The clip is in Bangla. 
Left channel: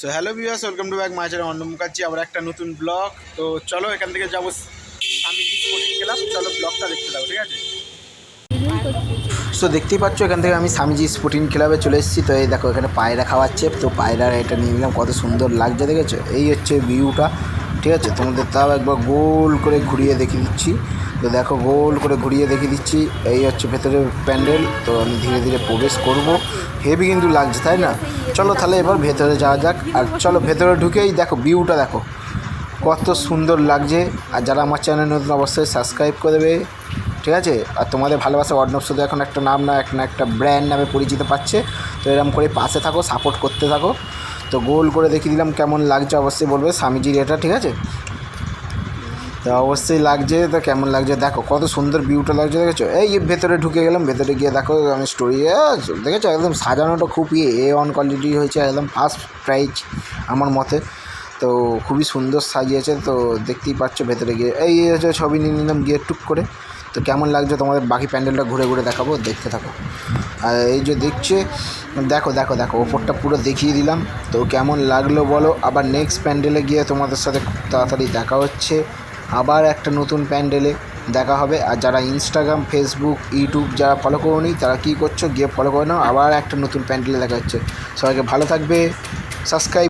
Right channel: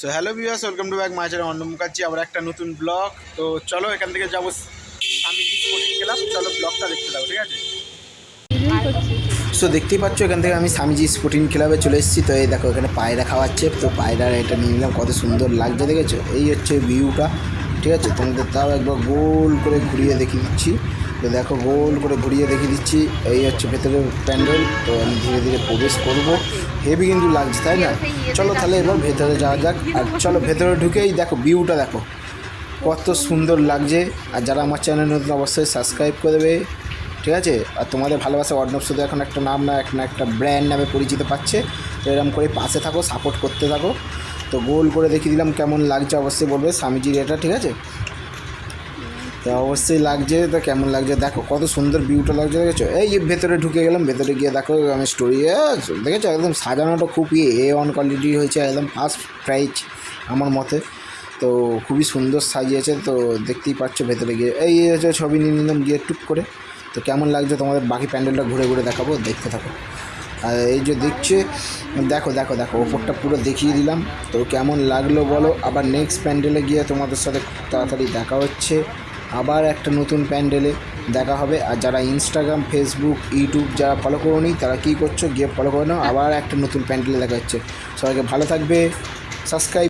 So hello viewers, welcome to back my channel Arnab Mukherjee. আবার একটা নতুন ব্লগ। তো চলো এখান থেকে যাবো আমি স্পোর্টিং ক্লাব। চলো ব্লগটা দেখতে যাবো, ঠিক আছে? সো দেখতেই পাচ্ছ এখান থেকে আমি স্বামীজি স্পোর্টিং ক্লাবে চলে এসেছি। তো এই দেখো এখানে পায়রা খাওয়াচ্ছে। তো পায়রার এটা নিয়ে নিলাম, কত সুন্দর লাগছে দেখেছো? এই হচ্ছে ভিউটা, ঠিক আছে? তোমাদের তাও একবার গোল করে ঘুরিয়ে দেখিয়ে দিচ্ছি। তো দেখো গোল করে ঘুরিয়ে দেখিয়ে দিচ্ছি। এই হচ্ছে ভেতরের প্যান্ডেল। তো আমি ধীরে ধীরে প্রবেশ করব। হেভি কিন্তু লাগছে, তাই না? চলো তাহলে এবার ভেতরে যাওয়া যাক। আর চলো ভেতরে ঢুকেই দেখো ভিউটা দেখো কত সুন্দর লাগছে। আর যারা আমার চ্যানেল নতুন অবশ্যই সাবস্ক্রাইব করে দেবে, ঠিক আছে? আর তোমাদের ভালোবাসা অর্ণব শুধু এখন একটা নাম না, এখন একটা ব্র্যান্ড নামে পরিচিত পাচ্ছে। তো এরকম করে পাশে থাকো, সাপোর্ট করতে থাকো। তো গোল করে দেখিয়ে দিলাম, কেমন লাগছে অবশ্যই বলবে। স্বামীজির এটা, ঠিক আছে? তো অবশ্যই লাগছে। তো কেমন লাগছে দেখো, কত সুন্দর ভিউটা লাগছে দেখেছো? এই ভেতরে ঢুকে গেলাম। ভেতরে গিয়ে দেখো আমি স্টোরি দেখেছো, একদম সাজানোটা খুবই A1 কোয়ালিটি হয়েছে, একদম ফার্স্ট প্রাইজ আমার মতে। তো খুবই সুন্দর সাজিয়েছে। তো দেখতেই পাচ্ছ ভেতরে গিয়ে এই হচ্ছে ছবি নিয়ে নিলাম গিয়ে টুক করে। তো কেমন লাগছে তোমাদের বাকি প্যান্ডেলটা ঘুরে ঘুরে দেখাবো, দেখতে থাকো। আর এই যে দেখছে, দেখো দেখো দেখো ওপরটা পুরো দেখিয়ে দিলাম। তো কেমন লাগলো বলো। আবার নেক্সট প্যান্ডেলে গিয়ে তোমাদের সাথে তাড়াতাড়ি দেখা হচ্ছে। আবার একটা নতুন প্যান্ডেলে দেখা হবে। আর যারা ইনস্টাগ্রাম, ফেসবুক, ইউটিউব যারা ফলো করোনি তারা কী করছো, গিয়ে ফলো করে নাও। আবার একটা নতুন প্যান্ডেলে দেখা হচ্ছে। সবাইকে ভালো থাকবে, সাবস্ক্রাইব।